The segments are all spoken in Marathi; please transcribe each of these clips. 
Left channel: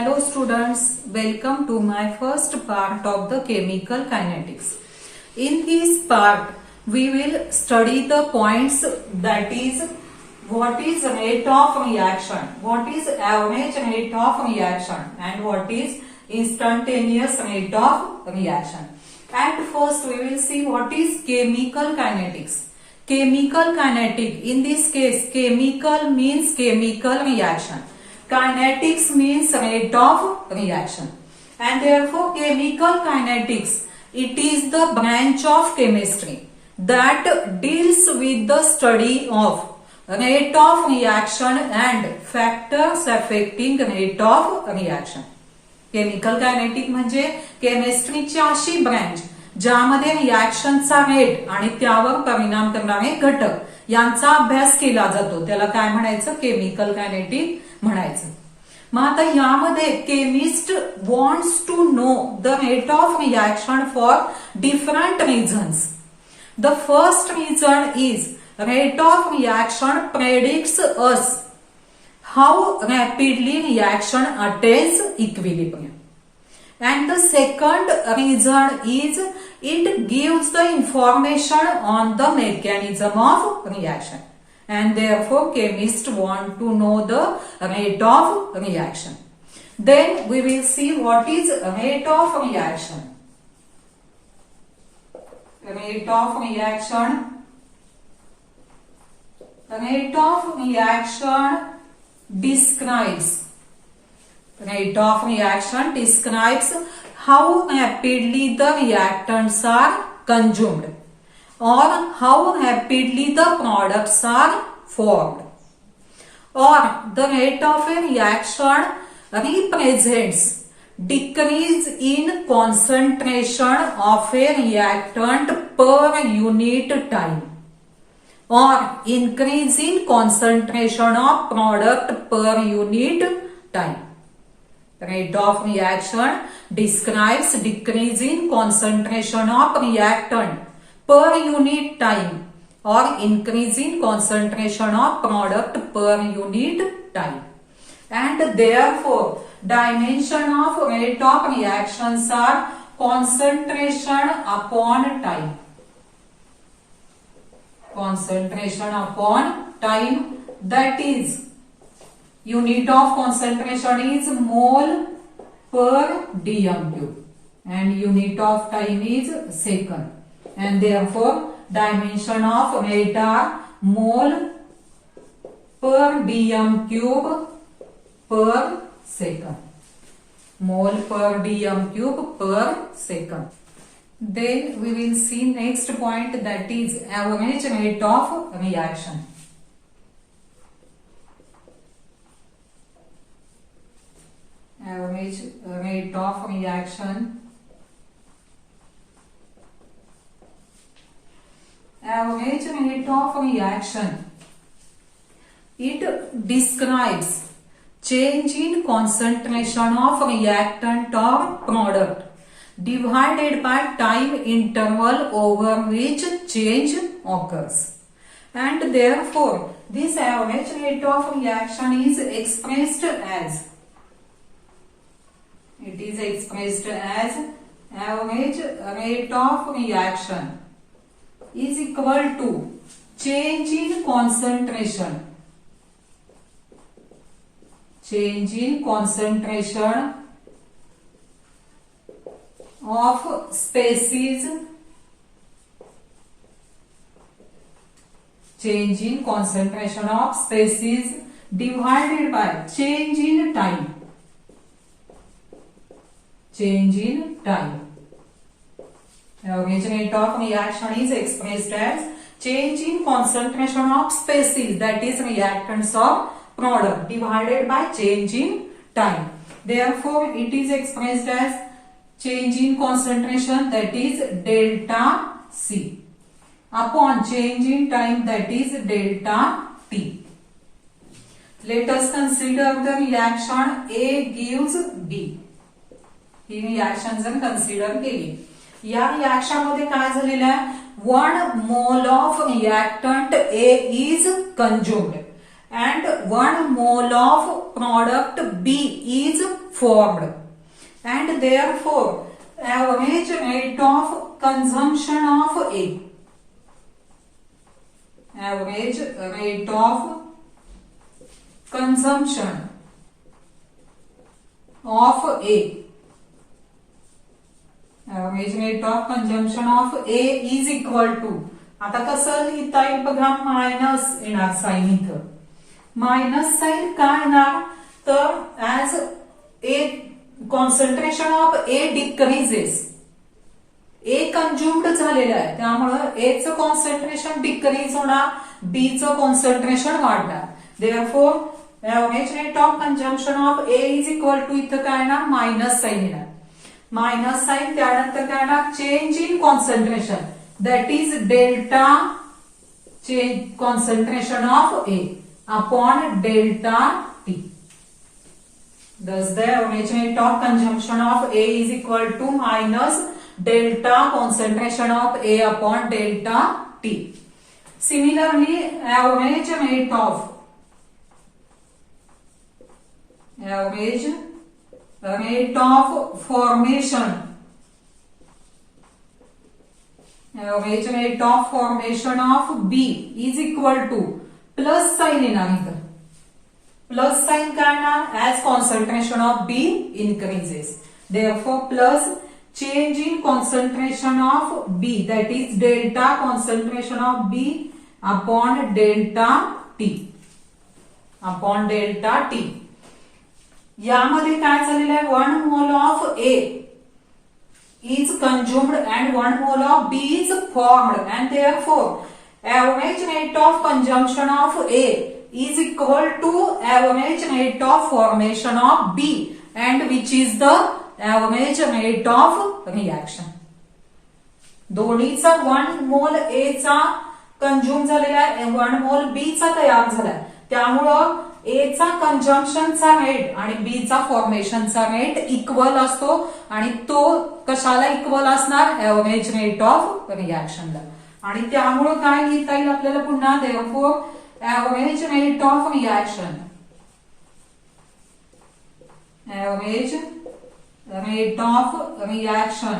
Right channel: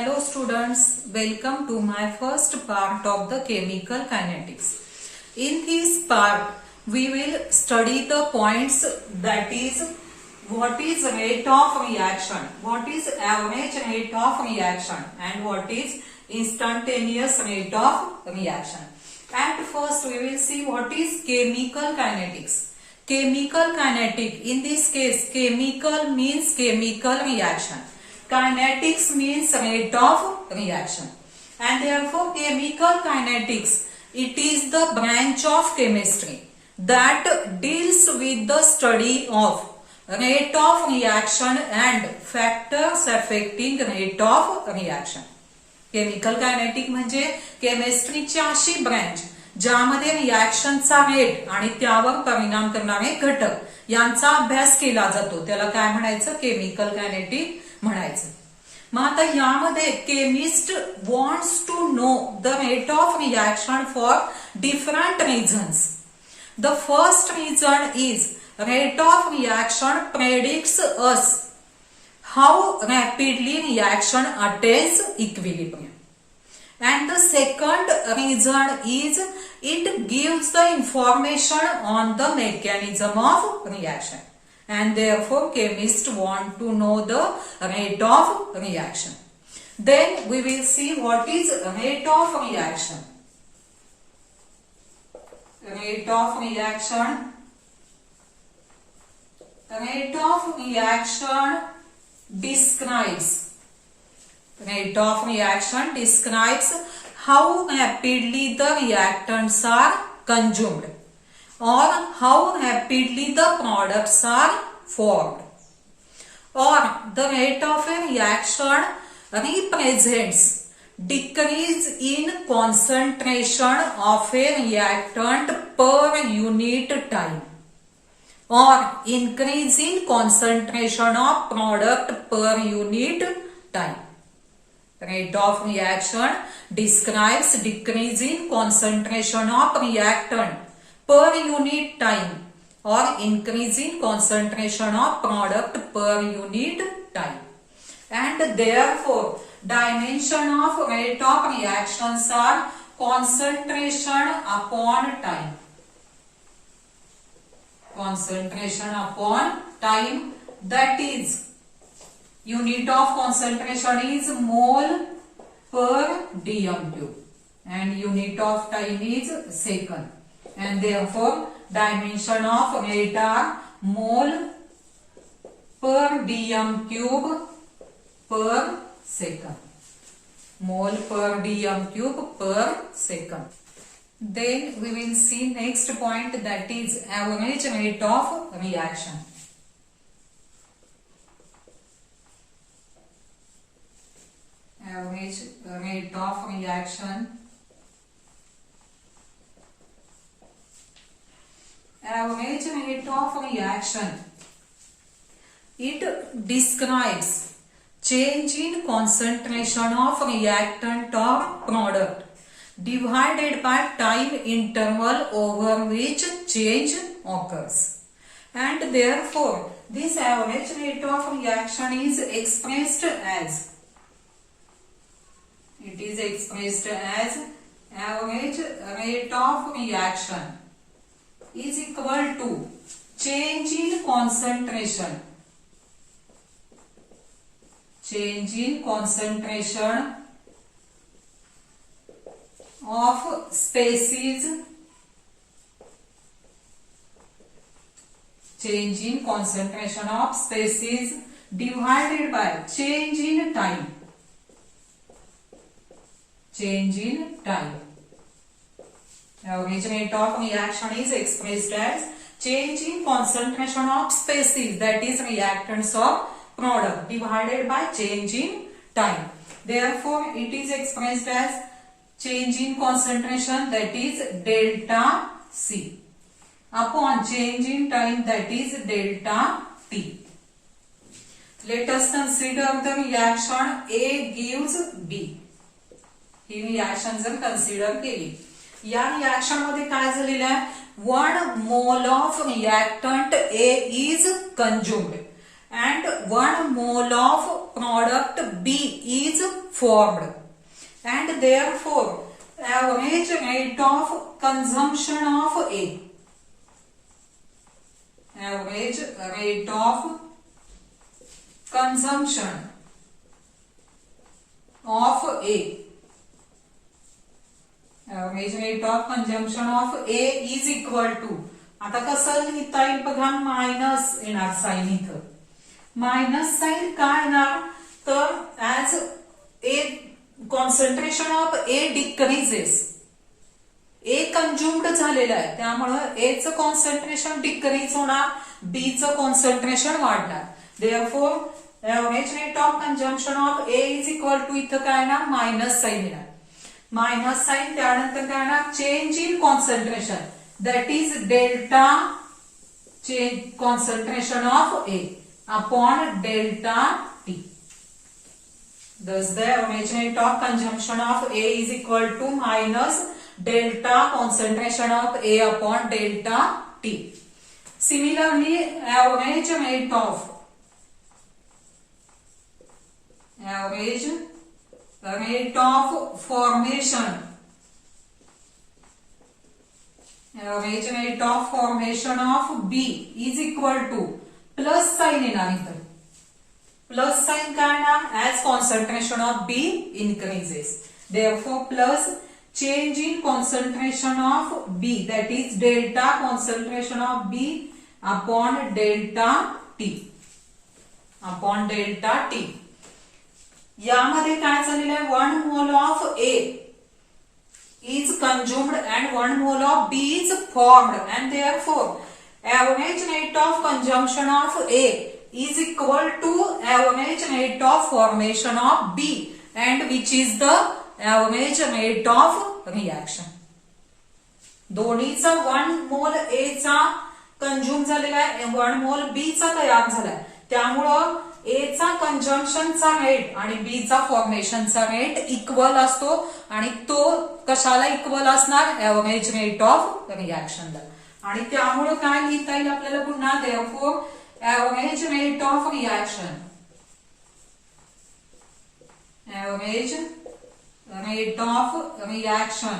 Hello students, welcome to my first part of the chemical kinetics. In this part, we will study the points that is what is rate of reaction, what is average rate of reaction and what is instantaneous rate of reaction. At first we will see what is chemical kinetics. Chemical kinetic, in this case chemical means chemical reaction. Kinetics means rate of reaction. And therefore chemical kinetics, it is the branch of chemistry that deals with the study of rate of reaction and factors affecting rate of reaction. Chemical kinetic म्हणजे केमिस्ट्रीची अशी ब्रँच ज्यामध्ये रिॲक्शनचा रेट आणि त्यावर परिणाम करणारे घटक यांचा अभ्यास केला जातो, त्याला काय म्हणायचं, केमिकल कायनेटिक म्हणायचं. मग आता यामध्ये chemist wants to know the rate of reaction for different reasons. The first reason is rate of reaction predicts us how rapidly reaction attains equilibrium. And the second reason is it gives the information on the mechanism of reaction. And therefore chemists want to know the rate of reaction. Then we will see what is rate of reaction. Rate of reaction. Rate of reaction describes how rapidly the reactants are consumed or how rapidly the products are formed. Or the rate of a reaction represents decrease in concentration of a reactant per unit time or increase in concentration of product per unit time. Rate of reaction describes decrease in concentration of reactant per unit time or increase in concentration of product per unit time. And therefore, dimension of rate of reactions are concentration upon time. Concentration upon time, that is unit of concentration is mole per dm cube and unit of time is second, and therefore dimension of rate are mole per dm cube per second. Mole per dm cube per second. Then we will see next point, that is average rate of reaction. Average rate of reaction. Average rate of reaction, it describes change in concentration of reactant or product divided by time interval over which change occurs. And therefore this average rate of reaction is expressed as, it is expressed as average rate of reaction is equal to change in concentration, change in concentration of species, change in concentration of species divided by change in time, change in time. Average rate of reaction is expressed as change in concentration of species, that is reactants or product, divided by change in time. Therefore it is expressed as change in concentration, that is delta C, upon change in time, that is delta T. Let us consider the reaction A gives B. He reaction जर कन्सिडर केली, या रिॲक्शन मध्ये काय झालेलं आहे, 1 mole of reactant A is consumed and 1 mole of product B is formed, and therefore average rate of consumption of A. Average rate of consumption of A. Average rate of consumption of A is equal to, आता कसं लिहिता येईल बघा, मायनस येणार साइन इथं. मायनस साइन काय येणार तर as A concentration of A decreases, A consumed झालेलं आहे त्यामुळं ए चं कॉन्सन्ट्रेशन डिक्रीज होणार, बी चं कॉन्सन्ट्रेशन वाढणार. Therefore average rate of consumption of A is equal to, इथं काय येणार मायनस साइन येणार. मायनस साइन त्यानंतर काय येणार change in concentration, that is delta change concentration of A upon delta T. Thus the average rate of consumption of A is equal to minus delta concentration of A upon delta T. Similarly, average rate of formation, average rate of formation of B is equal to plus sign येणार इथं. Plus sign काय येणार as concentration of B increases. Therefore plus change in concentration of B, that is delta concentration of B upon delta T. Upon delta T. यामध्ये काय झालेलं आहे 1 mole of A is consumed and 1 mole of B is formed, and therefore average rate of consumption of A is equal to average rate of formation of B, and which is the average rate of reaction. दोन्हीचा 1 मोल A चा कंज्युम झालेला आहे, 1 मोल B चा तयार झालाय, त्यामुळं A चा कंजम्पशनचा रेट आणि B चा फॉर्मेशनचा रेट इक्वल असतो, आणि तो कशाला इक्वल असणार एव्हरेज रेट ऑफ रिएक्शनला. आणि त्यामुळं काय लिहिता येईल आपल्याला पुन्हा, therefore average rate of reaction, average rate of reaction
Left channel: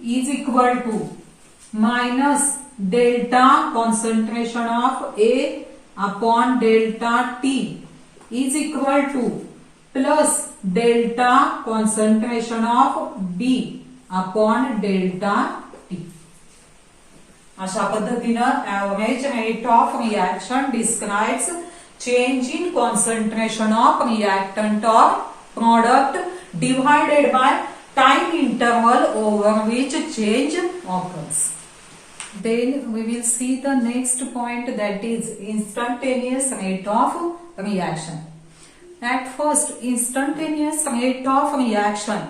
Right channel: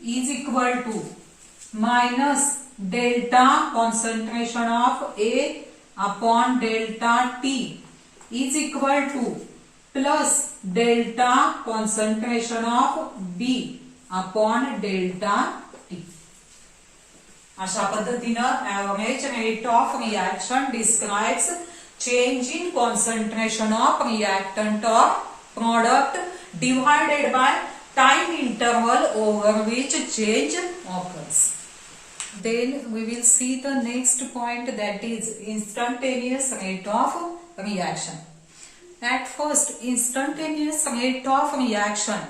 is equal to minus delta concentration of A upon delta T is equal to plus delta concentration of B upon delta T. अशा पद्धतीनं average rate of reaction describes change in concentration of reactant or product divided by time interval over which change occurs. Then we will see the next point, that is instantaneous rate of reaction. At first, instantaneous rate of reaction,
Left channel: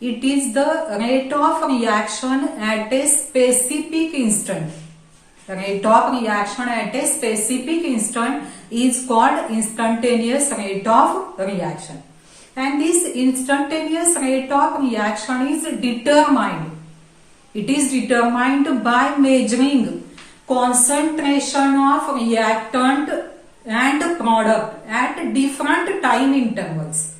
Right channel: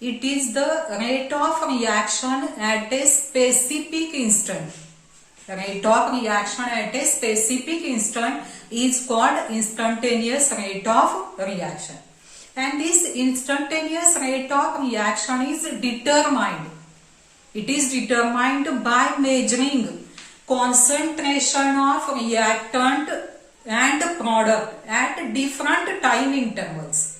it is the rate of reaction at a specific instant. The rate of reaction at a specific instant is called instantaneous rate of reaction. And this instantaneous rate of reaction is determined. It is determined by measuring concentration of reactant and product at different time intervals.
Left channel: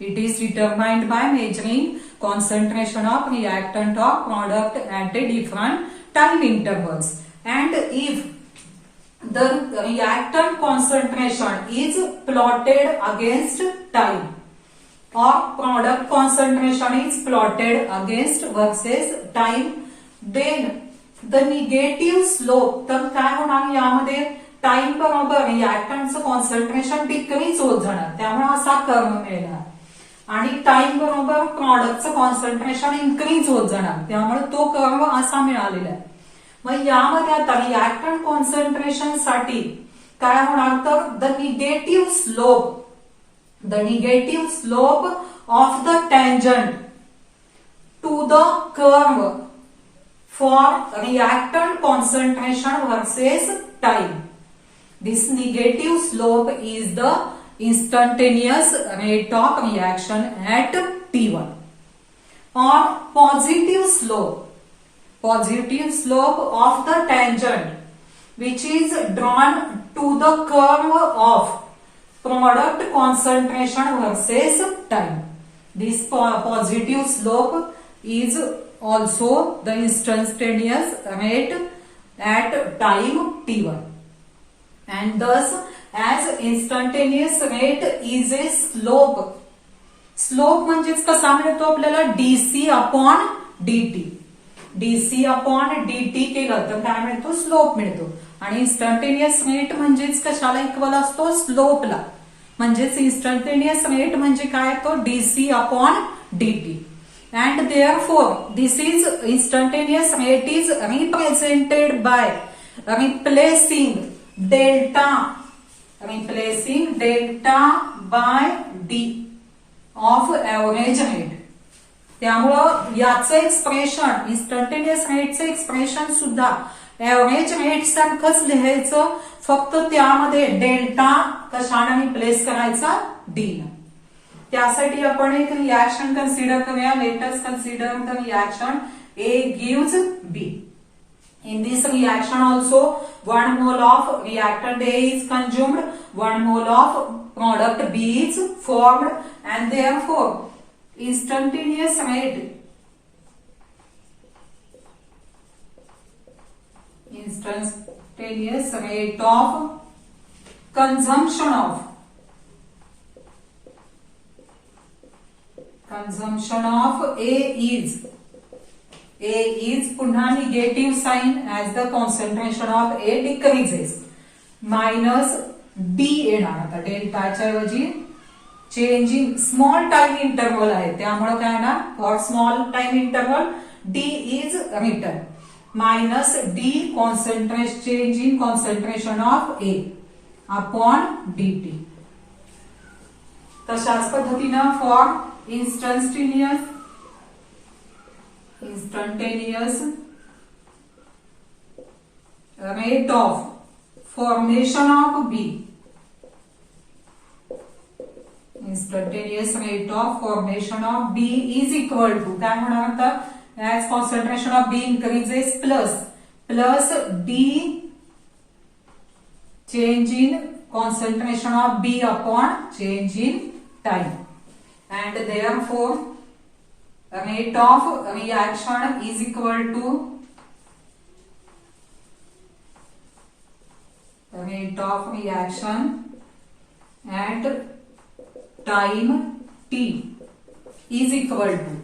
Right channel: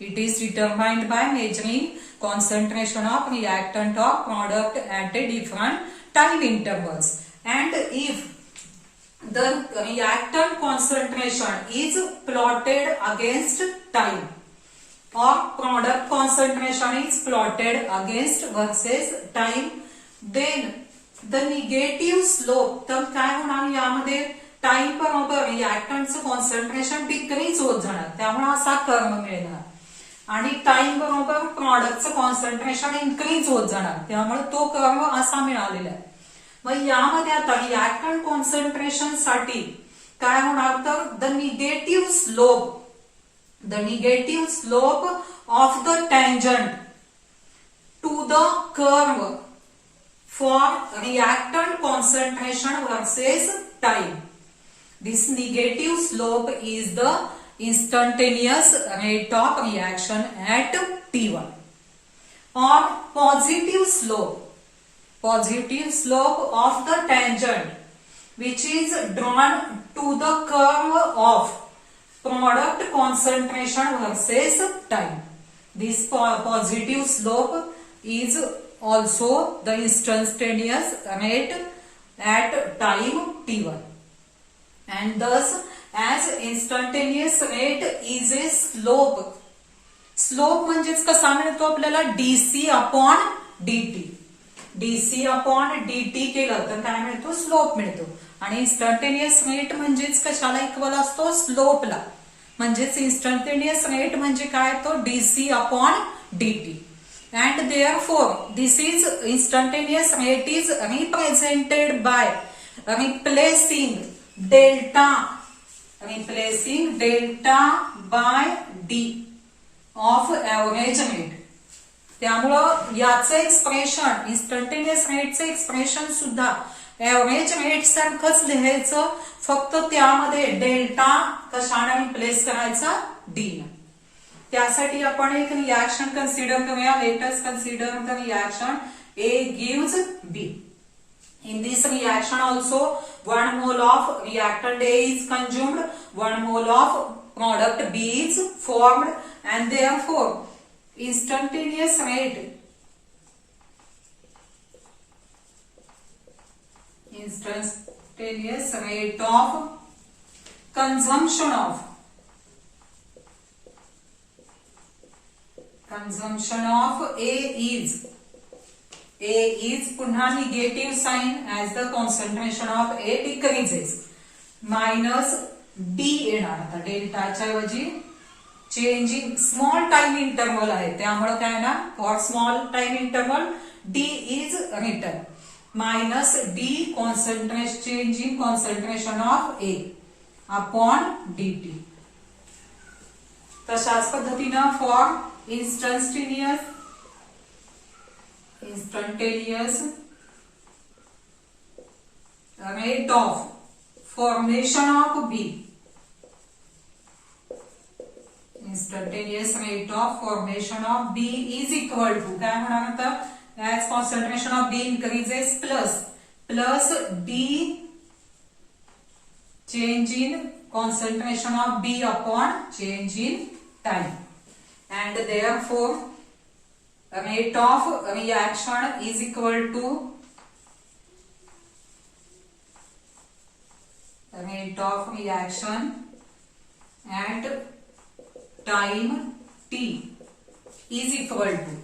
It is determined by measuring concentration of reactant or product at a different time intervals. And if the reactant concentration is plotted against time or product concentration is plotted against versus time, then the negative slope, तर काय होणार यामध्ये टाइम बरोबर रिएक्टंटचं कॉन्सन्ट्रेशन डिक्रीज होत जाणार, त्यामुळे असा कर्व मिळणार, आणि टाइम बरोबर प्रॉडक्टचं कॉन्सन्ट्रेशन इन्क्रीज होत जाणार, त्यामुळे तो कर्व असा मिळालेला आहे. मग यामध्ये आता रिएक्टंट कॉन्सन्ट्रेशन साठी काय होणार तर the negative slope of the tangent to the curve for reactant concentration versus time. This negative slope is the instantaneous rate of reaction at T1. Or positive slope of the tangent which is drawn to the curve of product concentration versus time. This positive slope is also the instantaneous rate at time t1, and thus as instantaneous rate is a slope. Slope म्हणजेच कसा मिळतो आपल्याला dc upon dt. Dc upon dt केलं तर काय मिळतो, स्लोप मिळतो. आणि इन्स्टंटेनियस रेट म्हणजेच कशाला इक्वल असतो, स्लोपला. म्हणजेच इन्स्टंटेनियस रेट म्हणजे काय, तो dc upon dt. and therefore this is instantaneous rate is represented by replacing delta by d of average rate. त्यामुळं याचं एक्सप्रेशन, इन्स्टंटेनियस रेटचं एक्सप्रेशन सुद्धा एव्हरेज रेट सारखंच लिहायचं, फक्त त्यामध्ये डेल्टा कशाने रिप्लेस करायचा, डी ला. त्यासाठी आपण एक रिएक्शन कन्सिडर करूया. Let us consider the reaction A gives B. In this reaction also 1 mole of reactant A is consumed, 1 mole of product B is formed, and therefore instantaneous rate of consumption of A is पुन्हा negative sign as the concentration of A decreases, minus D येणार. आता डेल्टाच्या ऐवजी change in small time interval आहे, त्यामुळे काय ना, for small time interval D is written, minus D change in concentration of A upon DT. तशाच पद्धतीनं for instantaneous rate of formation of B, instantaneous rate of formation of B is equal to काय होणार आता, as concentration of B increases plus D change in concentration of B upon change in time, and therefore rate of reaction is equal to rate of reaction at time t is equal to.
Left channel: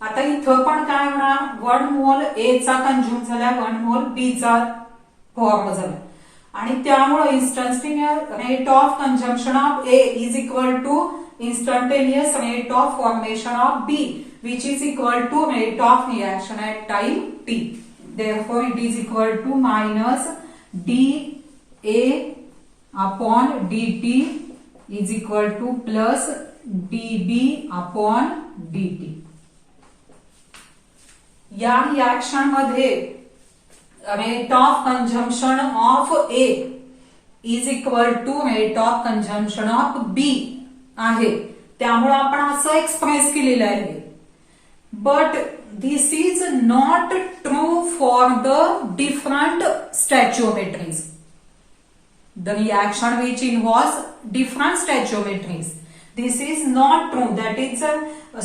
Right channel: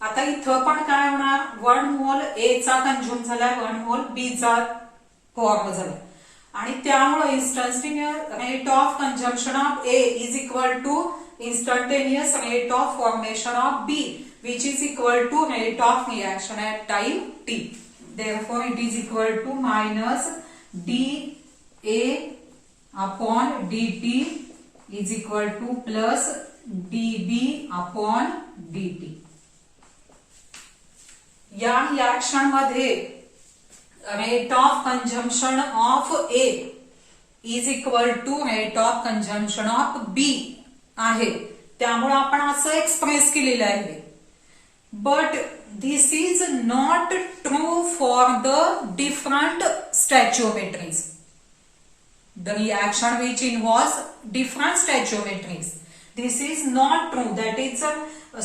आता इथं पण काय होणार, 1 मोल A चा कंझ्युम झाला, 1 मोल B चा फॉर्म झाला, आणि त्यामुळे instantaneous rate of consumption of A is equal to instantaneous rate of formation of B, which is equal to rate of reaction at time t. Therefore it is equal to minus dA upon dt is equal to plus dB upon dt. या रिएक्शन मध्ये rate of consumption of A is equal to rate of consumption of B आहे, त्यामुळे आपण असं एक्सप्रेस केलेलं आहे. But this is not true for the different stoichiometries. The reaction which involves different stoichiometries, this is not true. That is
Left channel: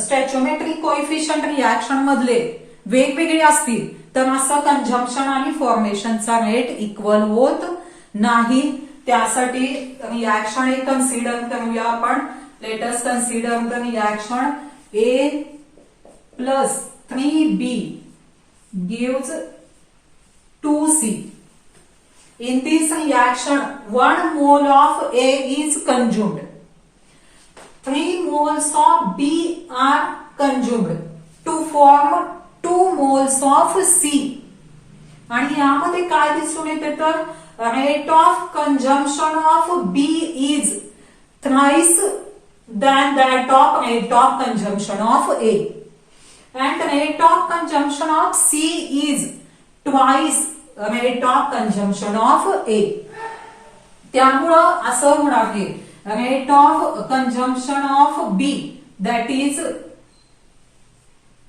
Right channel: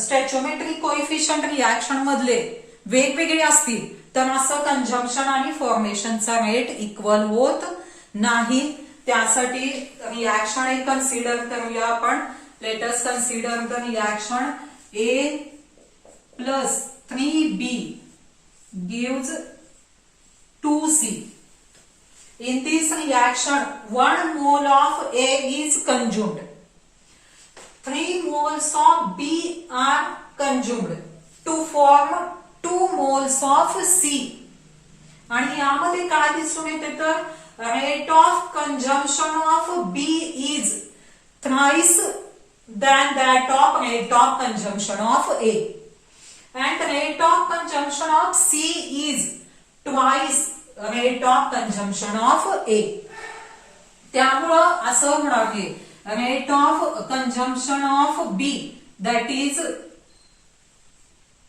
stoichiometry coefficient reaction मधले वेगवेगळे असतील तर असं कंझम्पशन आणि फॉर्मेशनचा रेट इक्वल होत नाही. त्यासाठी रिएक्शन एक कन्सिडर करूया आपण. Let us consider the reaction A plus 3B gives 2C. In this reaction, 1 mole of A is consumed. 3 moles of B are consumed to form 2 moles of C. आणि यामध्ये काय दिसून येते तर rate of consumption of B is thrice than that of rate of consumption of A, and rate of consumption of C is twice rate of consumption of A. त्यामुळं असं होणार आहे, rate of consumption of B, that is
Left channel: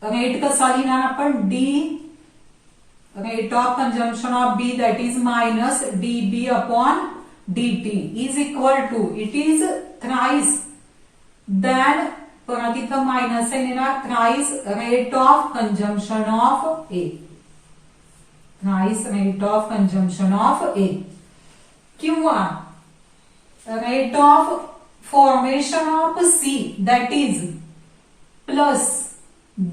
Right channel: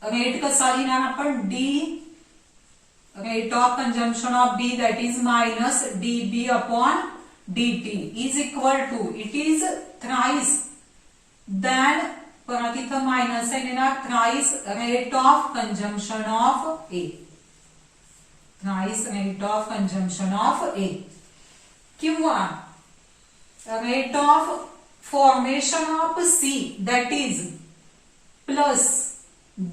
rate कसा लिहिणार आपण, D rate of consumption of B, that is minus dB upon dt, is equal to, it is thrice than, परत इथं मायनस आहे येणार, thrice rate of consumption of A, thrice rate of consumption of A, किंवा rate of formation of C, that is plus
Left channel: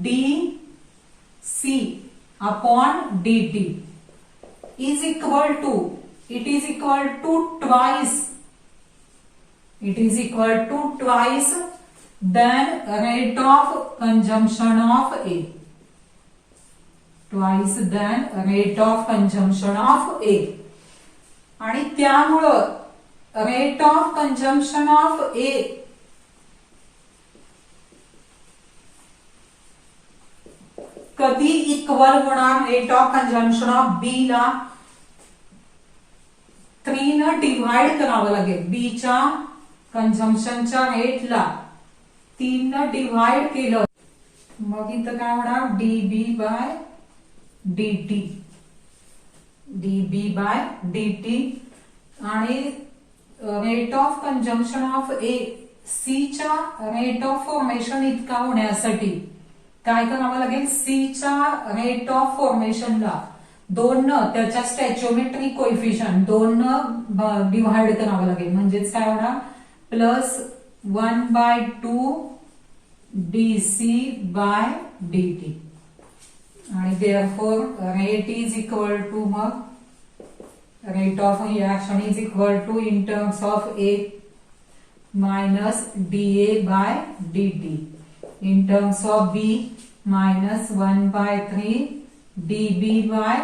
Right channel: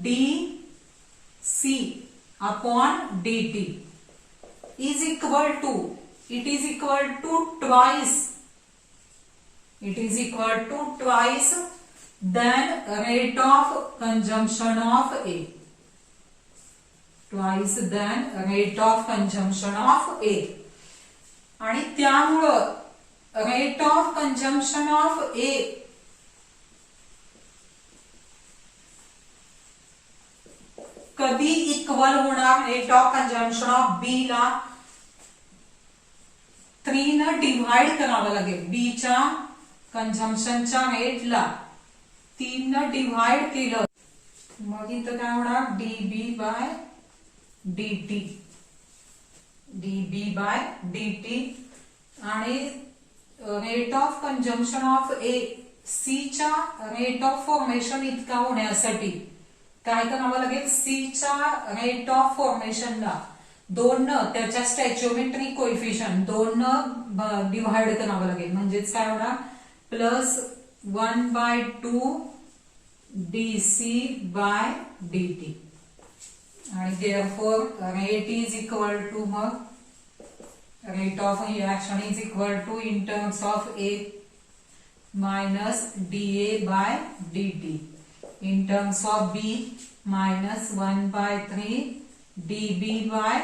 dC upon dt is equal to, it is equal to twice, it is equal to twice than rate of consumption of A, twice than rate of consumption of A. आणि त्यामुळं rate of consumption of A कधी इक्वल होणार रेट ऑफ कंजम्पशन ऑफ बी ला 3 न डिव्हाइड करावं लागेल, बी च्या कंजम्पशनच्या रेटला 3 न डिव्हाइड केलं, मग इथं काय होणार, dB by dt, dB by dt. आणि rate of consumption of A, C च्या रेट ऑफ फॉर्मेशन इतका होण्यासाठी काय करावं लागेल, सी च्या रेट ऑफ फॉर्मेशनला 2 न त्याच्या स्टॅच्योमेट्रिक कोइफिशियंट 2 न डिव्हाइड करावं लागेल, म्हणजेच काय होणार, प्लस 1/2 डीसी बाय डीटी. आणि therefore rate is equal to, मग rate of reaction is equal to in terms of A minus dA by dt, in terms of B minus 1/3 dB by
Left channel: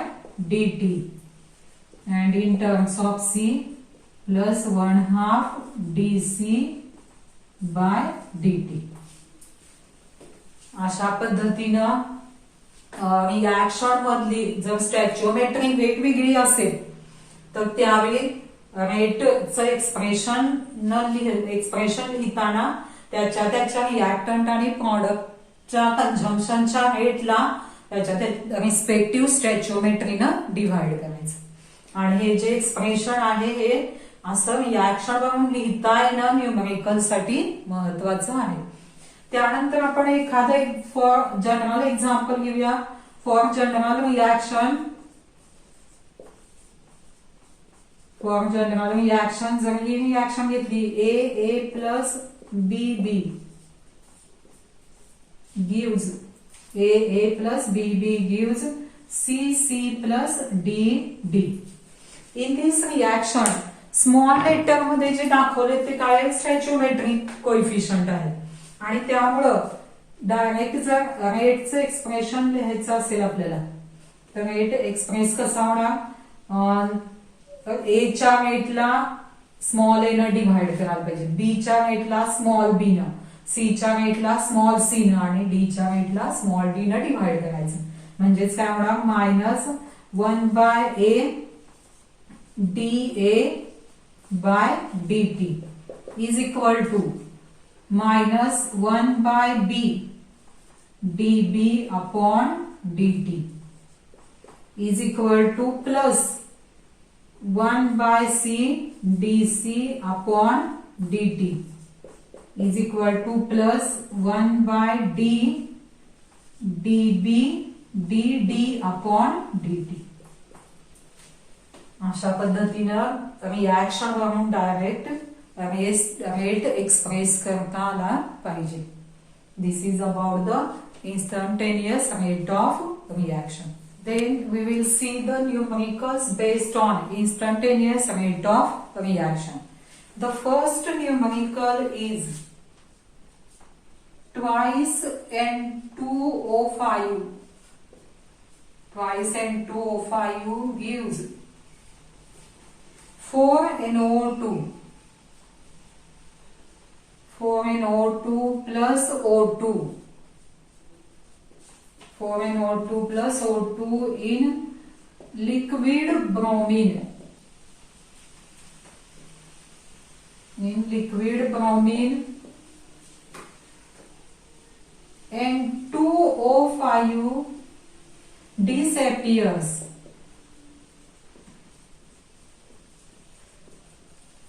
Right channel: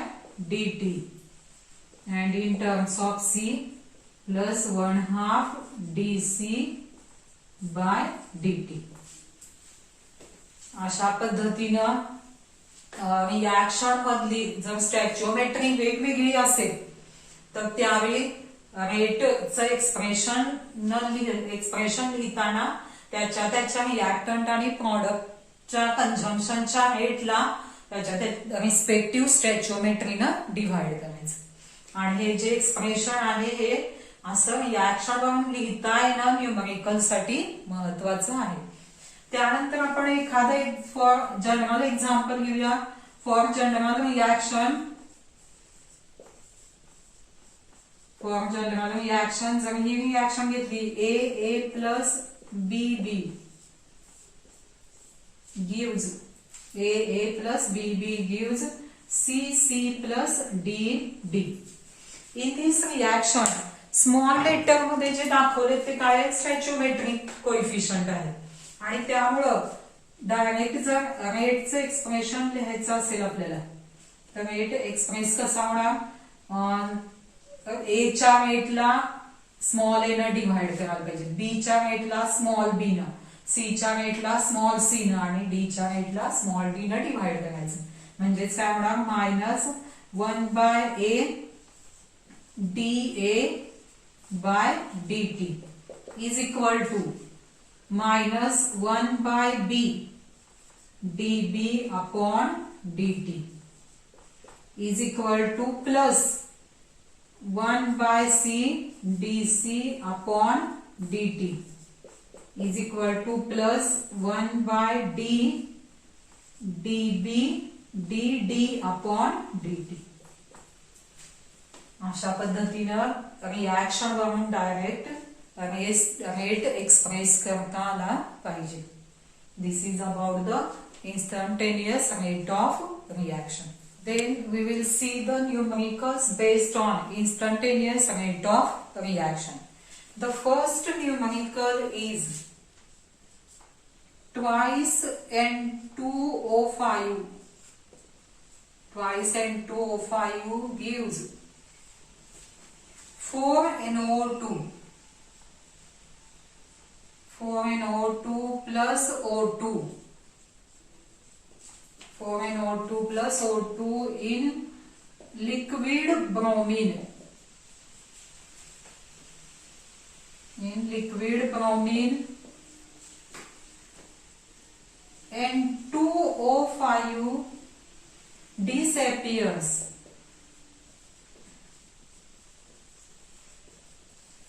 dt, and in terms of C plus 1/2 dC by dt. अशा पद्धतीनं रिॲक्शन मधली जर स्टॅच्योमेट्री वेगवेगळी असेल तर त्यावेळी रेटचं एक्सप्रेशन लिहिताना त्याच्या रिॲक्टंट आणि प्रॉडक्टच्या कंझम्पशनच्या रेटला त्याच्या रिस्पेक्टिव्ह स्टॅच्योमेट्रीनं डिव्हाइड करायचं. आणि हे जे एक्सप्रेशन आहे हे असं रिॲक्शन वरून लिहिता येणं न्यूमरिकल साठी महत्वाचं आहे. त्यानंतर आपण एखादं फॉर जनरल एक्झाम्पल घेऊया. For general reaction, for general reaction जर ही रिॲक्शन घेतली, A plus B gives, A plus B gives C plus D. In this reaction small letter मध्ये जे दाखवले ते काय, स्टॅच्योमेट्रिक कोइफिशियंट आहे. आणि त्यामुळं डायरेक्ट जर रेटचं एक्सप्रेशन लिहायचं असेल आपल्याला तर रेट एक्सप्रेस कसा होणार, ए च्या रेटला स्मॉल ए न डिव्हाइड करायला पाहिजे, बी च्या रेटला स्मॉल बी न, सी च्या रेटला स्मॉल सी न आणि डी च्या रेटला स्मॉल डी न डिव्हाइड करायचं. म्हणजेच काय होणार, minus 1/a dA by dt is equal to minus 1/b dB upon dt is equal to plus 1/c dC upon dt is equal to plus 1/d dB dd upon dt. अशा पद्धतीनं रिॲक्शन वरून डायरेक्ट रेट एक्सप्रेस करता आला पाहिजे. This is about the instantaneous rate of reaction. Then we will see the numericals based on instantaneous rate of reaction. The first numerical is twice N2O5. Twice N2O5 gives 4NO2. 4NO2 plus O2. 4NO2 plus O2 in liquid bromine. In liquid bromine, N2O5 disappears.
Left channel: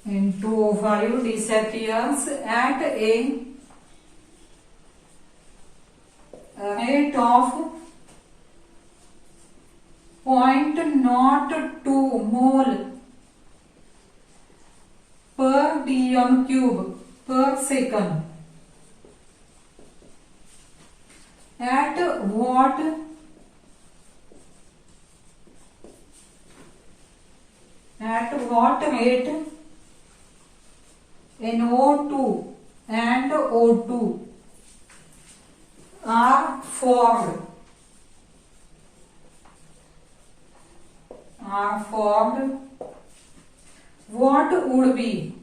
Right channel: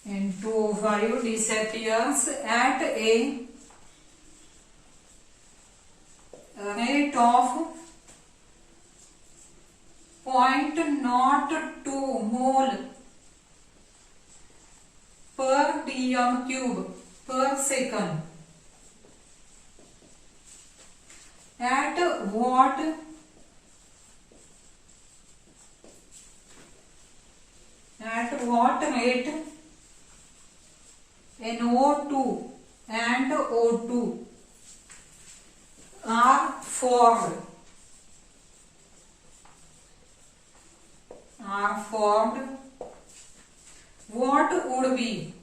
N2O5 disappears at a rate of 0.02 mole per dm cube per second. At what rate NO2 and O2 are formed? What would be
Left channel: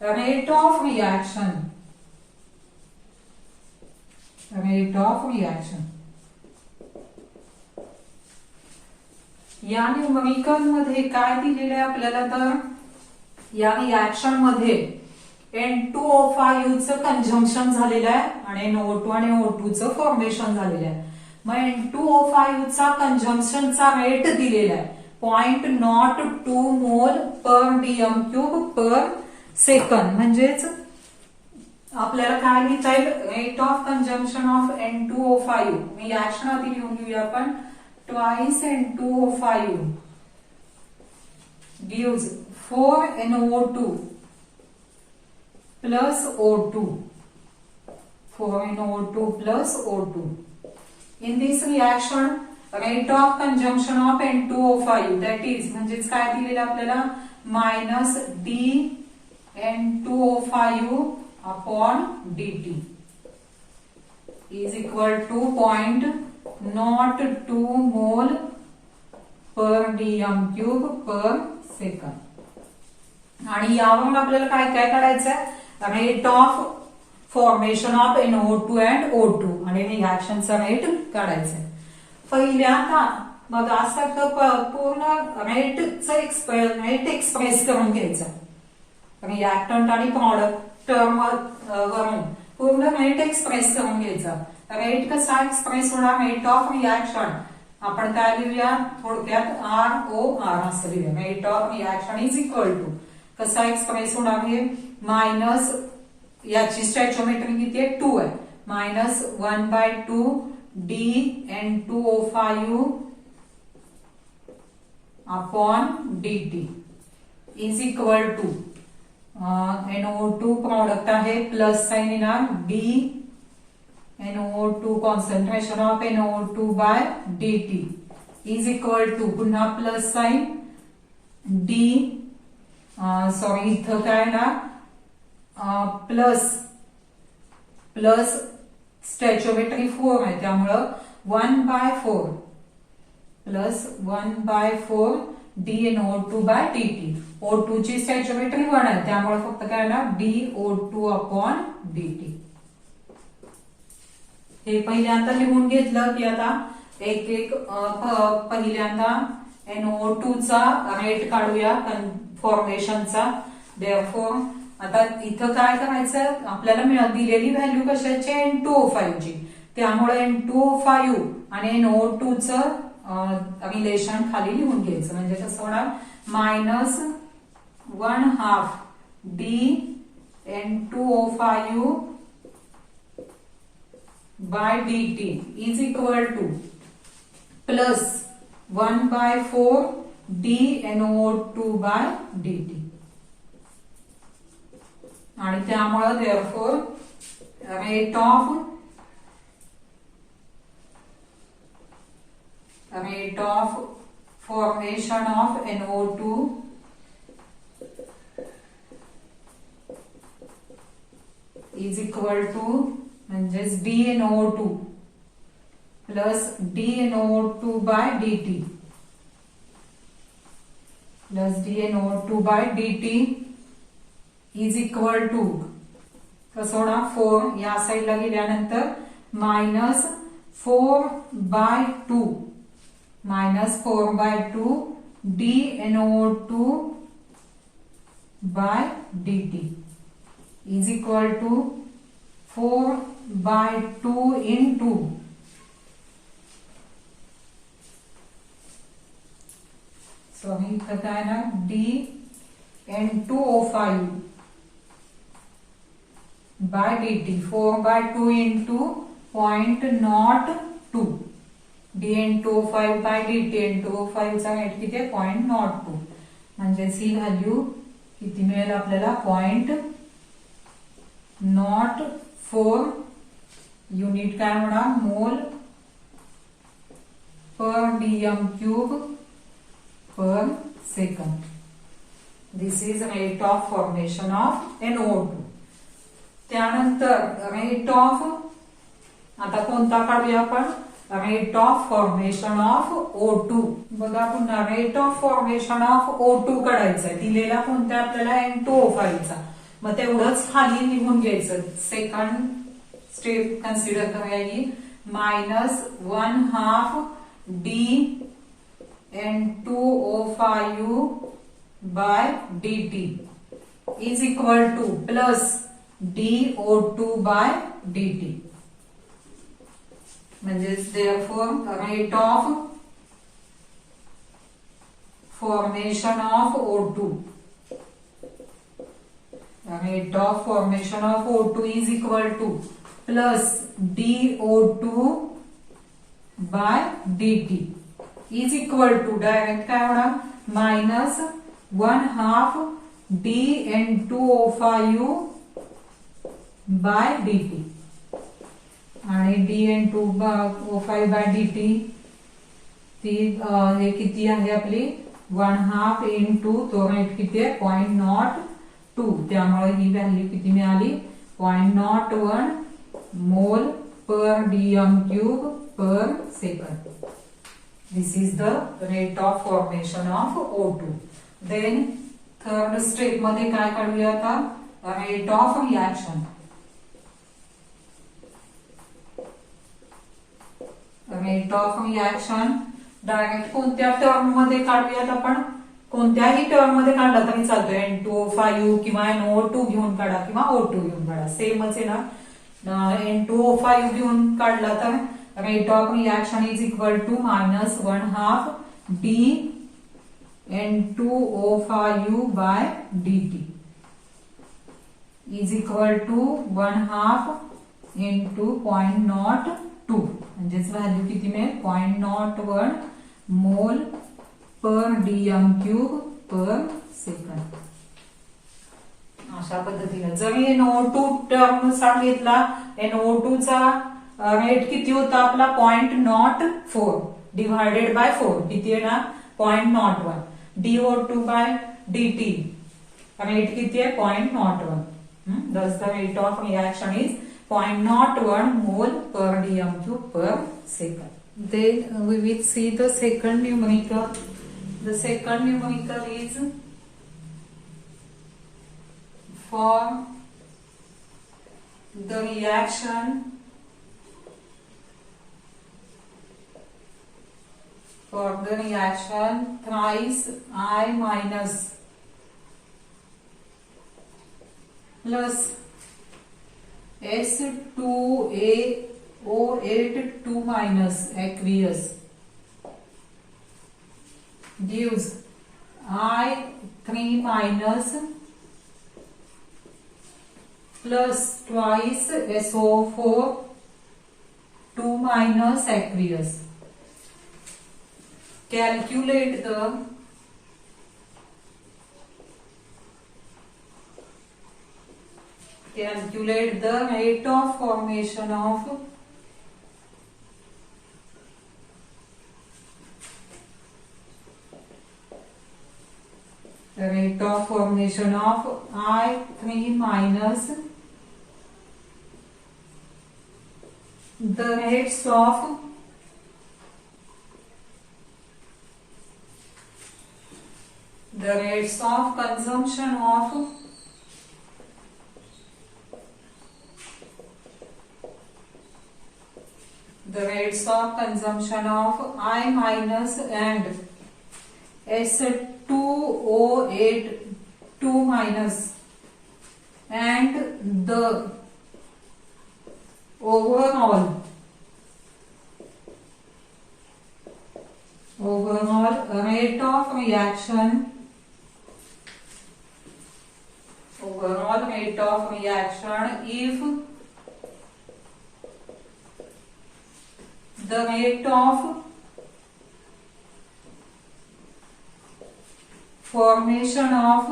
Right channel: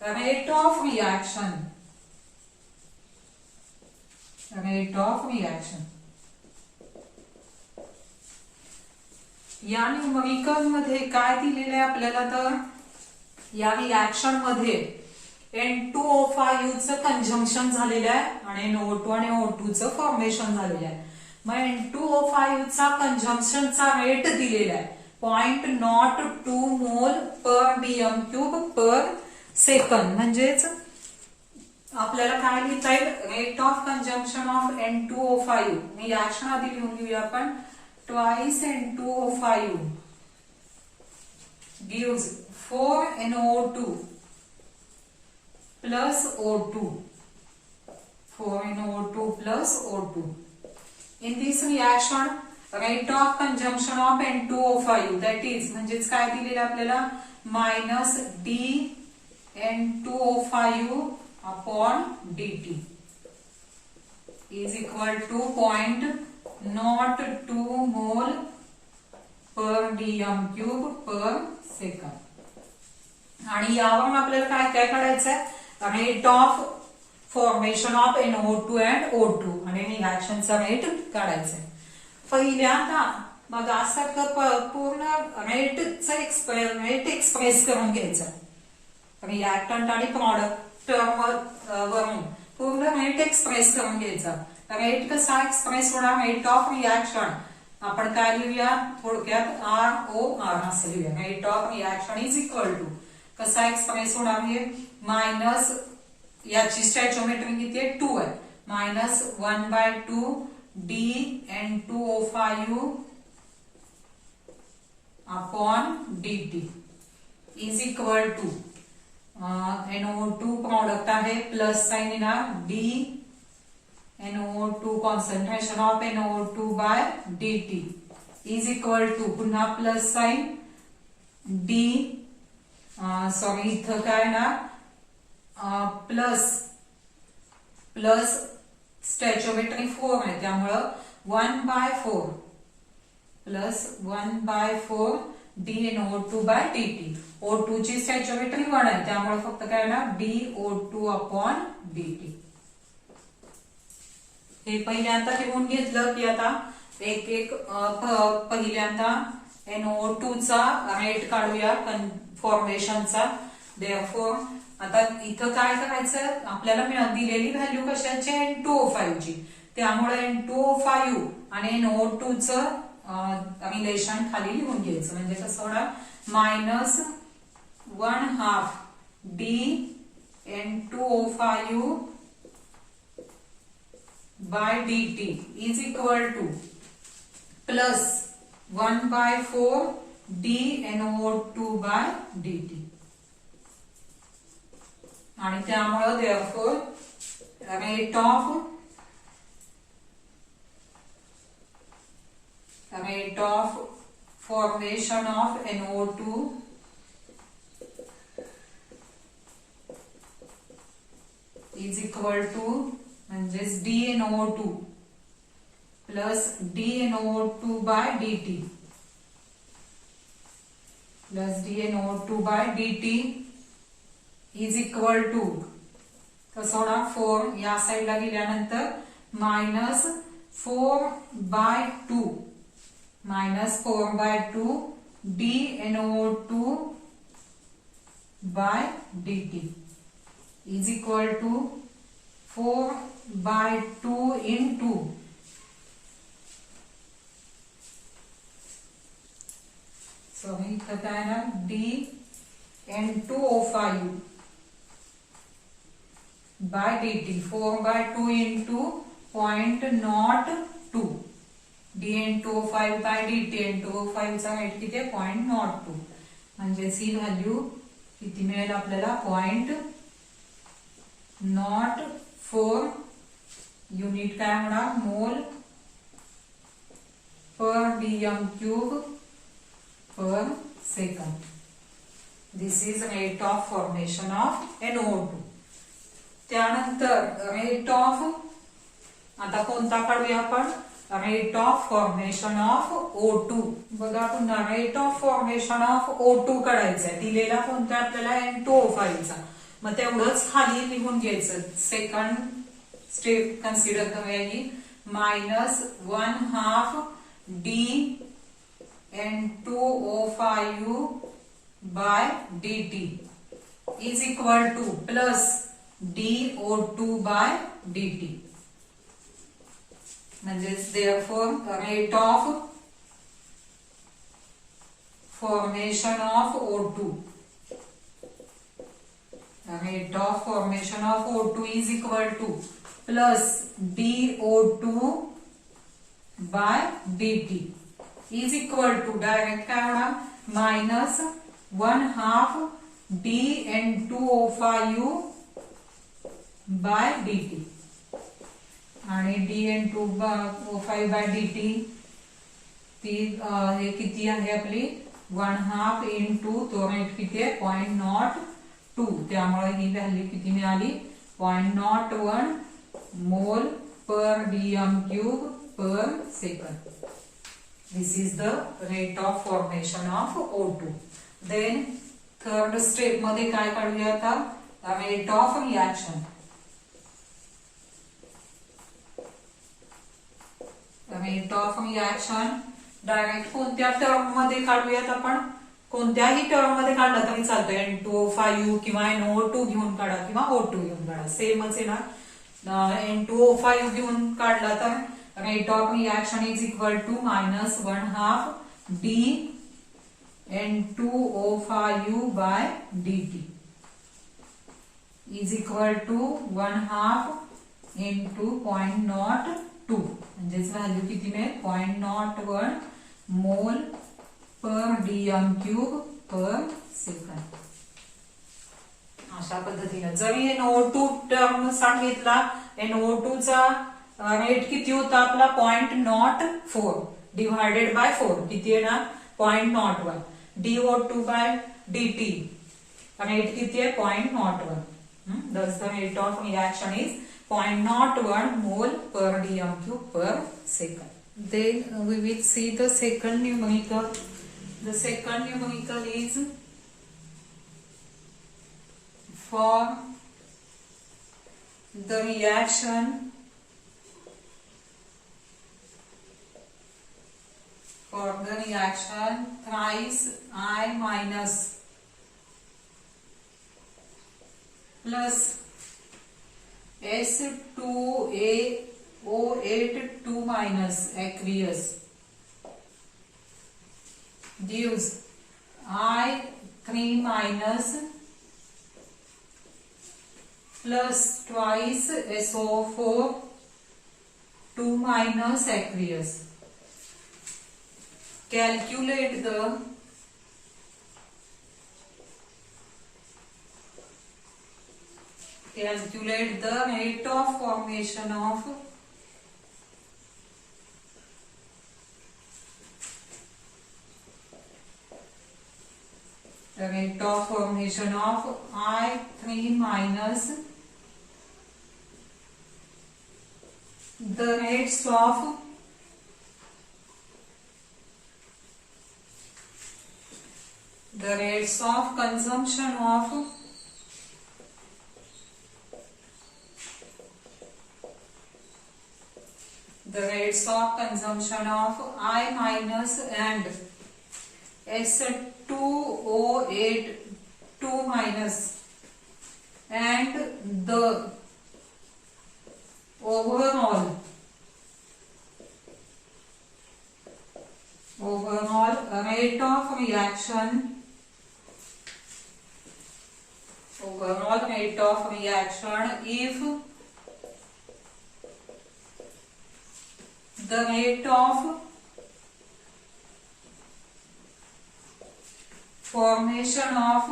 rate of reaction? या न्यूमरिकल मध्ये काय दिलेले आहे आपल्याला, तर या रिएक्शन मध्ये N2O5 चं कंजम्पशन झालेलं आहे आणि NO2 आणि O2 चं फॉर्मेशन झालेलं आहे. मग N2O5 चा कंजम्पशनचा रेट दिलेला आहे 0.02 मोल पर डीएम क्यूब पर सेकंड. म्हणजेच आपल्याला काय लिहिता येईल, rate of consumption of N2O5 reaction आधी लिहून घेऊया आपण. Twice N2O5 gives 4NO2 plus O2. 4NO2 plus O2. In this reaction, rate of consumption of N2O5, that is, म्हणजेच काय दिलेलं आपल्याला, minus d N2O5 upon dt is equal to 0.02 mole per dm cube per second. आणि यावरून आपल्याला काय काय काढायचं आहे, rate of formation of NO2 and O2 आणि रिएक्शनचा रेट काढायचा आहे. पहिल्यांदा मग असं पूर्ण रेट एक्सप्रेस करून घ्यायचा, रिएक्टंट आणि प्रॉडक्ट टर्म वरून पूर्ण रेट एक्सप्रेस करून घ्यायचा. रेट कसा एक्सप्रेस होणार, रेट ऑफ रिएक्शन आपण काय लिहूया थोडक्यात ROR असं लिहूया. Rate of reaction is equal to कसा एक्सप्रेस होणार आहे, मायनस याची स्टॅचोमेट्री किती आहे 2 आहे, minus 1/2 d N2O5 upon dt is equal to NO2 product आहे प्लस साइन येणार d NO2 concentration of NO2 by dt is equal to पुन्हा प्लस साइन d सॉरी इथं काय ना प्लस स्टॅचोमेट्री 4 आहे त्यामुळं 1/4 plus 1/4 dNO2 bye dt. O2 ची स्टॅचोमेट्री 1 आहे त्यामुळे फक्त काय ना dO2 अपॉन dt. हे पहिल्यांदा लिहून घेतलं की आता एक एक पहिल्यांदा NO2 चा रेट काढूया फॉर्मेशनचा. देअरफॉर आता इथं काय करायचं, आपल्याला दिलेली व्हॅल्यू कशाची N2O5 ची, त्यामुळे N2O5 आणि NO2 चं रिलेशन खाली लिहून घ्यायचं. म्हणजे कसं होणार, -1/2 d N2O5 by dt is equal to plus 1/4 d NO2 by dt. आणि त्यामुळे therefore rate of formation of NO2 is equal to म्हणजेच dNO2 plus dNO2 by dt plus dNO2 by dt is equal to कसं होणार 4 या साईडला गेल्यानंतर -4/2 dNO2 by dt is equal to 4 by 2 into इथं काय ना d N2O5 by dt 4 by 2 into 0.02 d N2O5 by dt N2O5 चा रेट किती आहे 0.02 म्हणजे ही व्हॅल्यू किती मिळेल आपल्याला 0.04 युनिट काय होणार मोल पर dm cube per second. This is rate of formation of NO2. त्यानंतर rate of आता कोणता काढूया आपण rate of formation of O2. बघा पुन्हा rate of formation of O2 काढायचा आहे दिलेला कोणता आपल्याला N2O5 चा मग तेवढंच खाली लिहून घ्यायचं सेकंड स्टेप कन्सिडर करूया की -1/2 d N2O5 by dt is equal to plus dO2 by dt. म्हणजेच therefore rate of formation of O2 rate of formation of O2 is equal to plus dO2 by dt is equal to direct काय होणार -1/2 d N2O5 by dt आणि d N2O5 by dt ती हे किती आहे आपली 1/2 into तो रेट किती आहे 0.02 त्यामुळे ही व्हॅल्यू किती मिळाली 0.01 मोल पर dm cube per second. This is the rate of formation of O2. Then third step मध्ये काय काढूया आता rate of reaction. Rate of reaction direct कोणत्या टर्म मध्ये काढूयात आपण कोणत्याही टर्म मध्ये काढला तरी चालतोय N2O5 किंवा NO2 घेऊन काढा किंवा O2 घेऊन काढा सेमच आहे ना N2O5 घेऊन काढला तर rate of reaction is equal to -1/2 d N2O5 by dt is equal to 1/2 into 0.02 म्हणजेच व्हॅल्यू किती मिळेल 0.01 मोल पर dm cube per second. अशा पद्धतीने जरी NO2 टर्म सांगितला NO2 चा रेट किती होता आपला 0.04 डिवायडेड बाय 4 किती आहे ना 0.01 dO2 बाय dt रेट किती आहे 0.01 thus the rate of reaction is 0.01 mole per dm cube per second. Then we will see the second numerical. The second numerical is for the reaction thrice I minus plus S2A08 2 minus aqueous gives I3 minus plus twice SO4 2 minus aqueous. Calculate the rate of formation of I3 minus the rates of consumption of I minus and S2O8 2 minus and the overall rate of reaction if the rate of formation of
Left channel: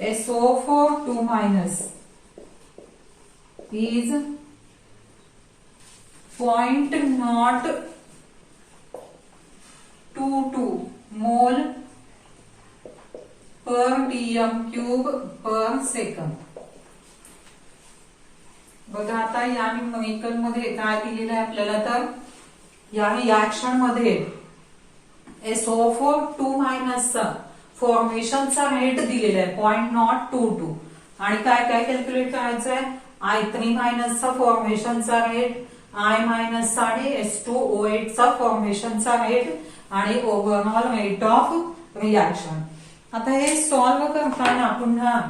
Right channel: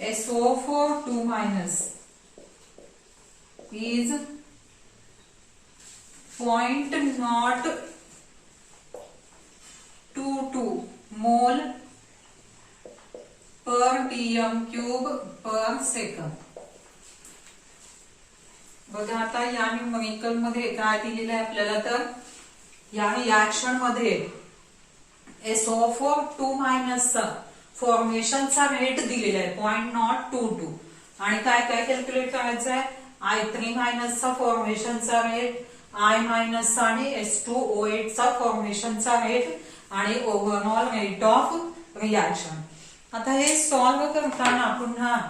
SO4 2 minus is 0.022 mole per dm cube per second. बघा आता या न्यूमेरिकल मध्ये काय दिलेलं आहे आपल्याला, तर या रिएक्शन मध्ये SO4 2 मायनसचा फॉर्मेशनचा रेट दिलेला आहे 0.022 आणि काय काय कॅल्क्युलेट करायचं आहे, I3 मायनसचा फॉर्मेशनचा रेट, I मायनसचा आणि S2O8 चा फॉर्मेशनचा रेट आणि ओव्हरऑल रेट ऑफ रिएक्शन. आता हे सॉल्व्ह करताना पुन्हा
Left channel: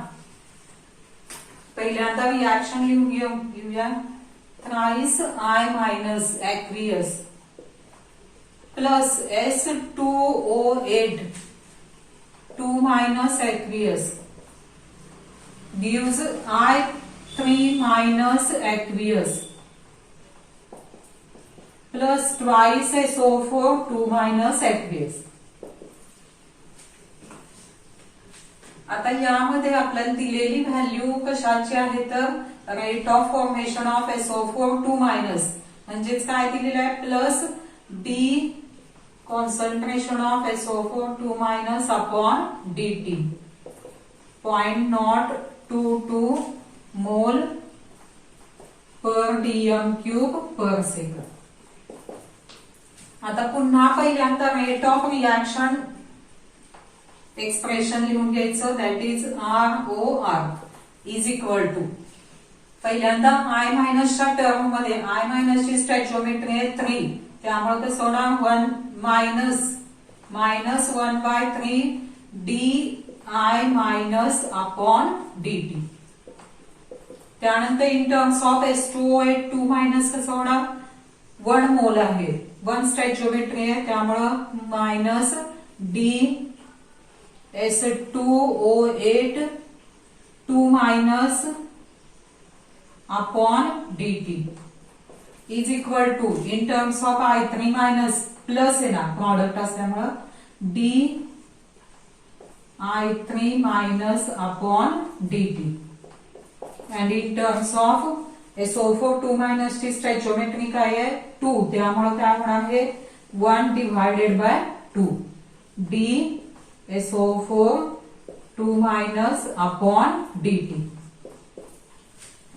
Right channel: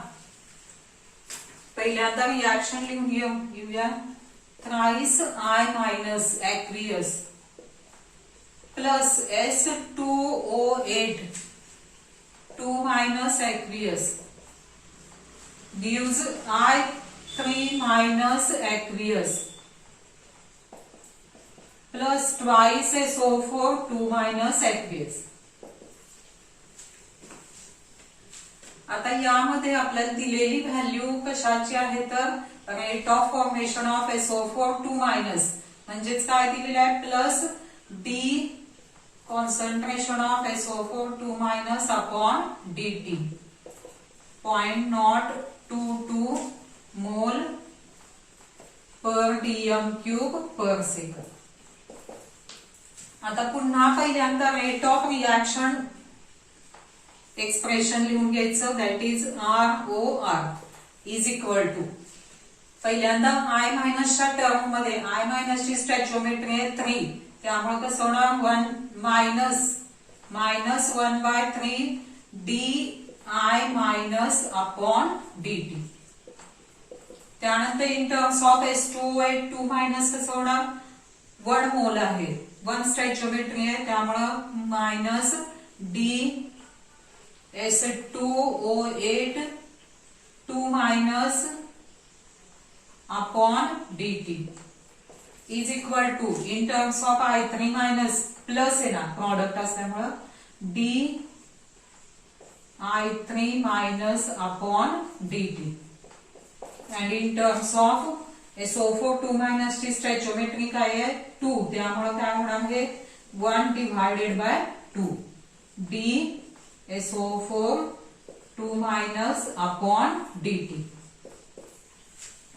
पहिल्यांदा रिएक्शन लिहून घेऊया. Thrice I minus aqueous plus S2O8 2 minus aqueous gives I3 minus aqueous plus twice SO4 2 minus aqueous. आता यामध्ये आपल्याला दिलेली व्हॅल्यू कशाची आहे, तर rate of formation of SO4 2 minus म्हणजेच काय दिलेलं आहे, plus D concentration of SO4 2 minus upon dt 0.022 mole per dm cube per second. आता पुन्हा पहिल्यांदा रेट ऑफ रिएक्शन एक्सप्रेशन लिहून घ्यायचं, that is ROR is equal to पहिल्यांदा I मायनसच्या टर्म मध्ये I मायनसची स्टॅचिओमेट्री आहे 3, त्यामुळे कसं होणार 1 minus 1/3 d I minus upon dt. त्यानंतर in terms of S2O8 2 minus कसं होणार, 1 मोल आहे, 1 स्टॅचिओमेट्री आहे, त्यामुळं minus d S2O8 2 minus upon dt is equal to in terms of I3 minus plus आहे ना प्रॉडक्ट असल्यामुळं d I3 minus upon dt and in terms of SO4 2 minus ची स्टॅचिओमेट्री काय आहे 2, त्यामुळे काय होणार आहे 1 divided by 2 D SO4 2 minus upon dt.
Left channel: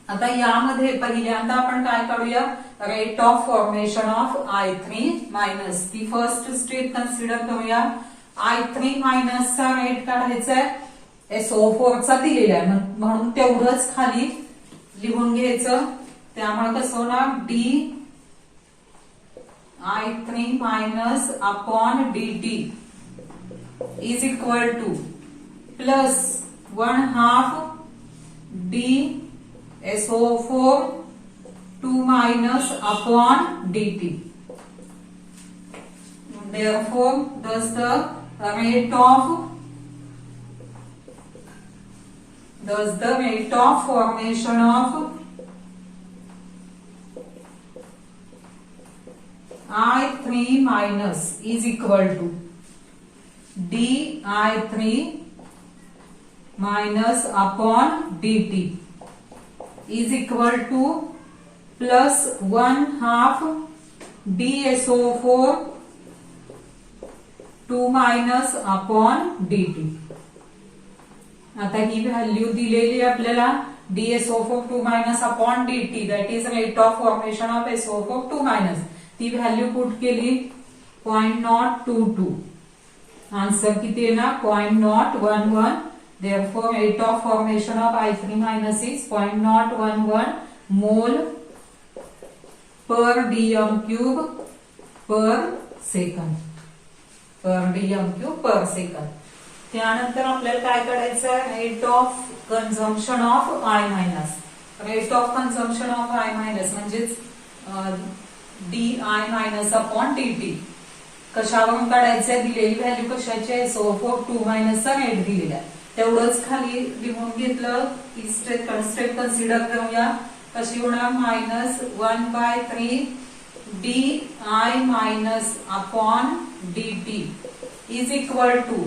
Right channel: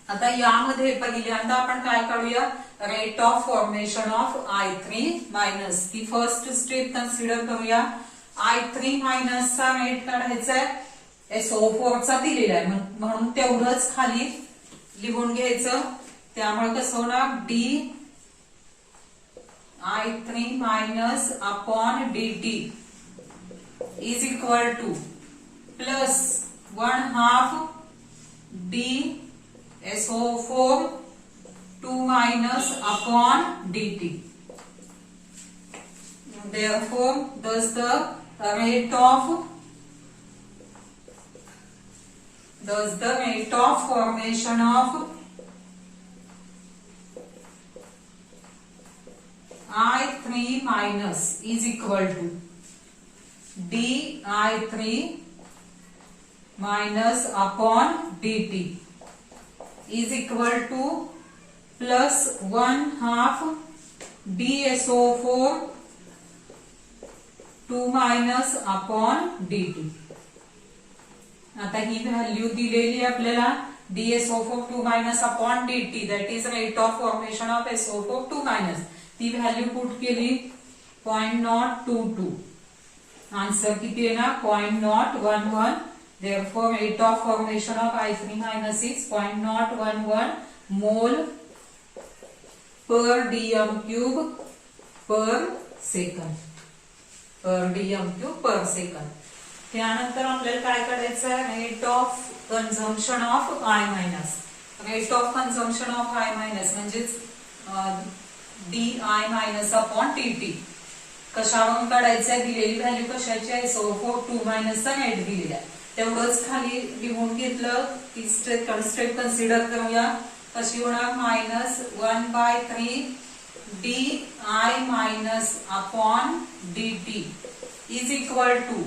आता यामध्ये पहिल्यांदा आपण काय काढूया, rate of formation of I3 minus. ती फर्स्ट स्टेप कन्सिडर करूया. I3 मायनसचा रेट काढायचा आहे, SO4 चा दिलेला आहे म्हणून तेवढंच खाली लिहून घ्यायचं. त्यामुळे कसं होणार, D I3 minus upon dt is equal two plus 1/2 D SO4 2 minus upon dt. Therefore, thus the rate of formation of I3 minus is equal to dI3 minus upon dt is equal to plus 1/2 DSO4 2 minus upon dt. आता ही व्हॅल्यू दिलेली आपल्याला DSO4 2 minus upon dt, that is rate of formation of SO4 2 minus. ती व्हॅल्यू पुट केली 0.022. आन्सर किती आहे ना 0.011. Therefore, rate of formation of I3 minus is 0.011 mole per dm cube per second. पर डीएम क्यूब पर सेकंद. त्यानंतर आपल्याला काय करायचं आहे, rate of consumption of I minus. Rate of consumption of I minus म्हणजेच d I minus upon d t. कशावरून काढायचंय, दिलेली व्हॅल्यू कशाची आहे, SO4 2 मायनसचा रेट दिलेला आहे. तेवढंच खाली लिहून घेतलं. ती स्टेप कन्सिडर करूया. कशी होणार, -1/3 D I minus upon d t is equal two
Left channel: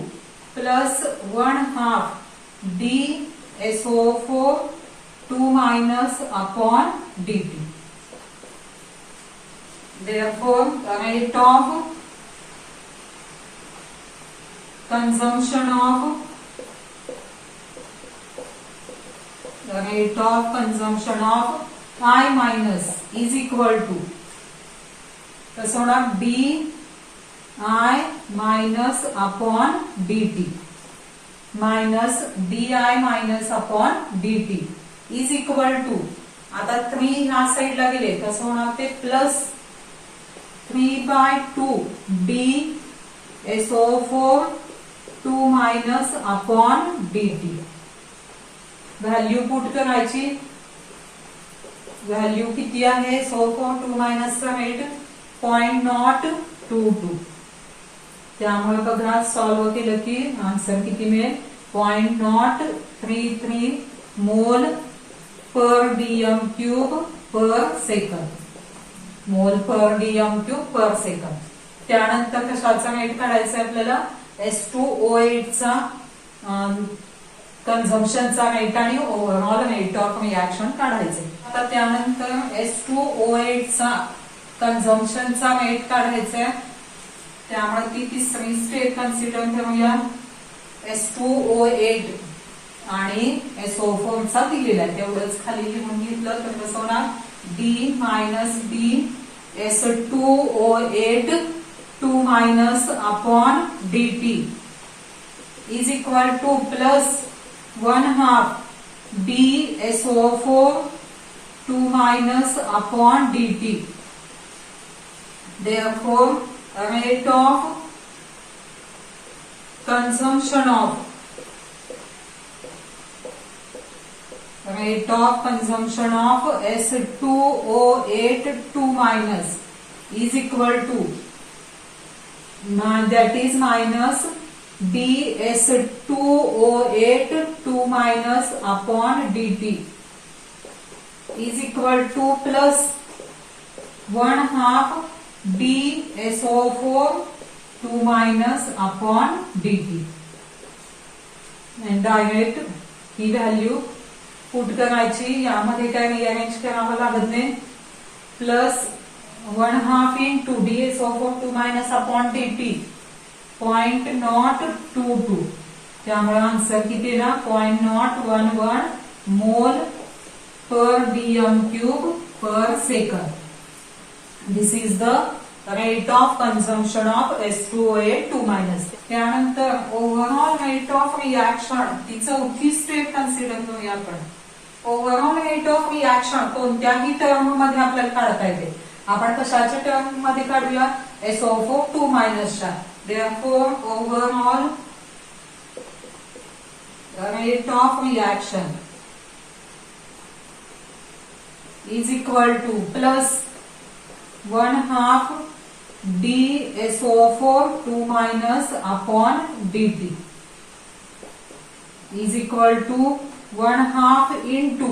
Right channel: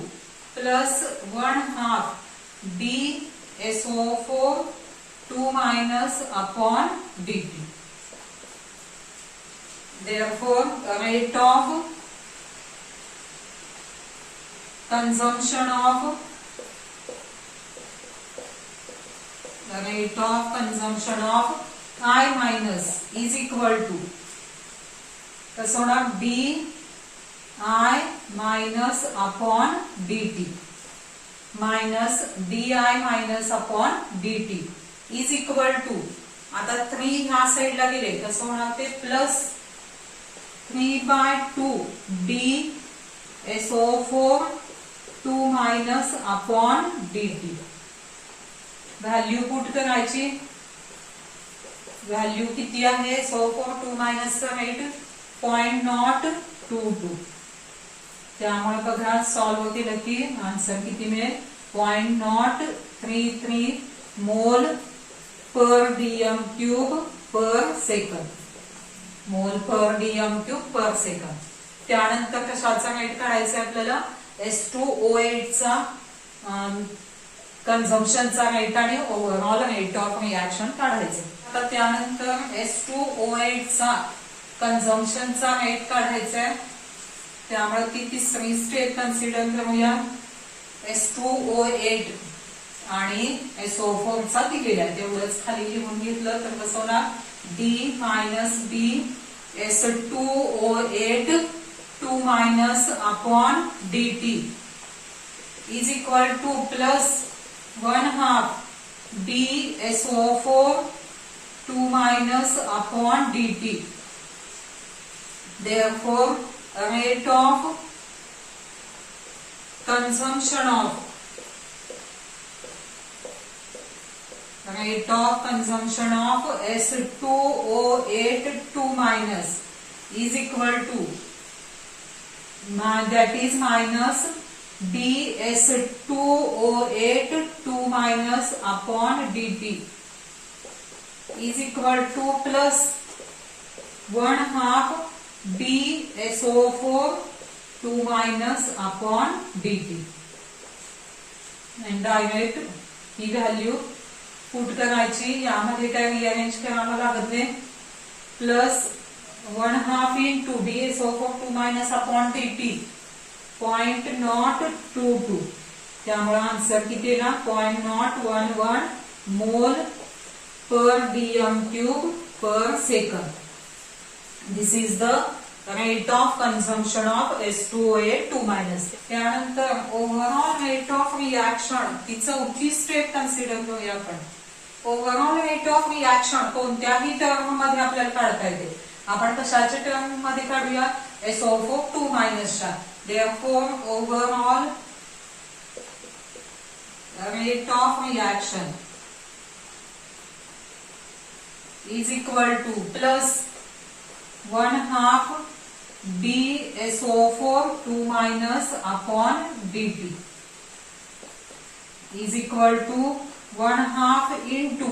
plus 1/2 D SO4 2 minus upon d T. Therefore, rate of consumption of I minus is equal to कसं होणार, d I minus upon d t minus d I minus upon d t is equal to. आता 3 ह्या साईडला गेले, कसं होणार ते plus 3/2 d SO4 2 minus upon d t. Value put करायची. व्हॅल्यू किती आहे, SO4 2 मायनसचा रेट 0.022. त्यामुळे बघा सॉल्व्ह केलं की आन्सर किती मिळेल, 0.033 मोल per dm cube per second. मोल per dm cube per second. त्यानंतर कशाचा रेट काढायचा आपल्याला, S2O8 चा कन्झम्पशनचा रेट आणि ओव्हरऑल रेट ऑफ रिॲक्शन काढायचे. आता त्यानंतर S2O8 चा कन्झम्पशनचा रेट काढायचा आहे. त्यामुळे ती तिसरी स्टेप कन्सिडर करूया. S2O8 आणि SO4 चा दिलेला आहे, तेवढंच खाली लिहून घेतलं तर कसं होणार, D minus d S2O8 2 minus upon d t is equal two plus 1/2 D SO4 2 minus upon d T. Therefore, rate of consumption of S2O8 2 minus is equal to that is minus dS2O8 2 minus upon dt is equal to plus 1/2 dSO4 2 minus upon dt. And direct ही व्हॅल्यू पुट करायची. यामध्ये काय रिअरेंज करावं लागत नाही. Plus 1/2 into dSO4 2 minus upon dt 0.022. त्यामुळे आन्सर किती ना 0.011 mole per dm cube per second. This is the rate of consumption of S2O8 2 minus. त्यानंतर ओव्हरऑल रेट ऑफ रिॲक्शन ती चौथी स्टेप कन्सिडर करूया आपण. ओव्हरऑल रेट ऑफ रिॲक्शन कोणत्याही टर्म मध्ये आपल्याला काढता येते. आपण कशाच्या टर्म मध्ये काढूया, SO4 2 मायनसच्या. Therefore, overall rate of reaction is equal to plus 1/2 dSO4 2 minus upon dt is equal to 1/2 into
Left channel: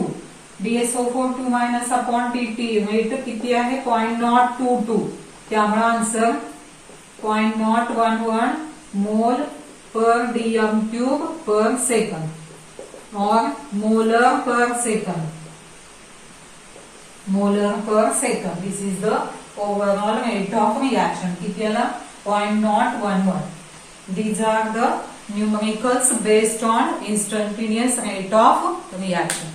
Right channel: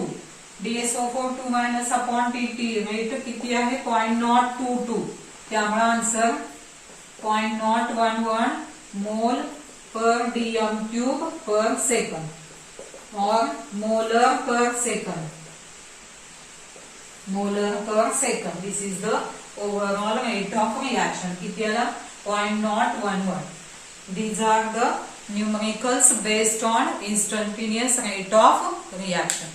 dSO4 2 minus upon dt. Rate किती आहे 0.022. त्यामुळे answer 0.011 mole per dm cube पर सेकंड और molar per second. This is the overall rate of reaction. किती आला 0.011. These are the numericals based on instantaneous rate of reaction.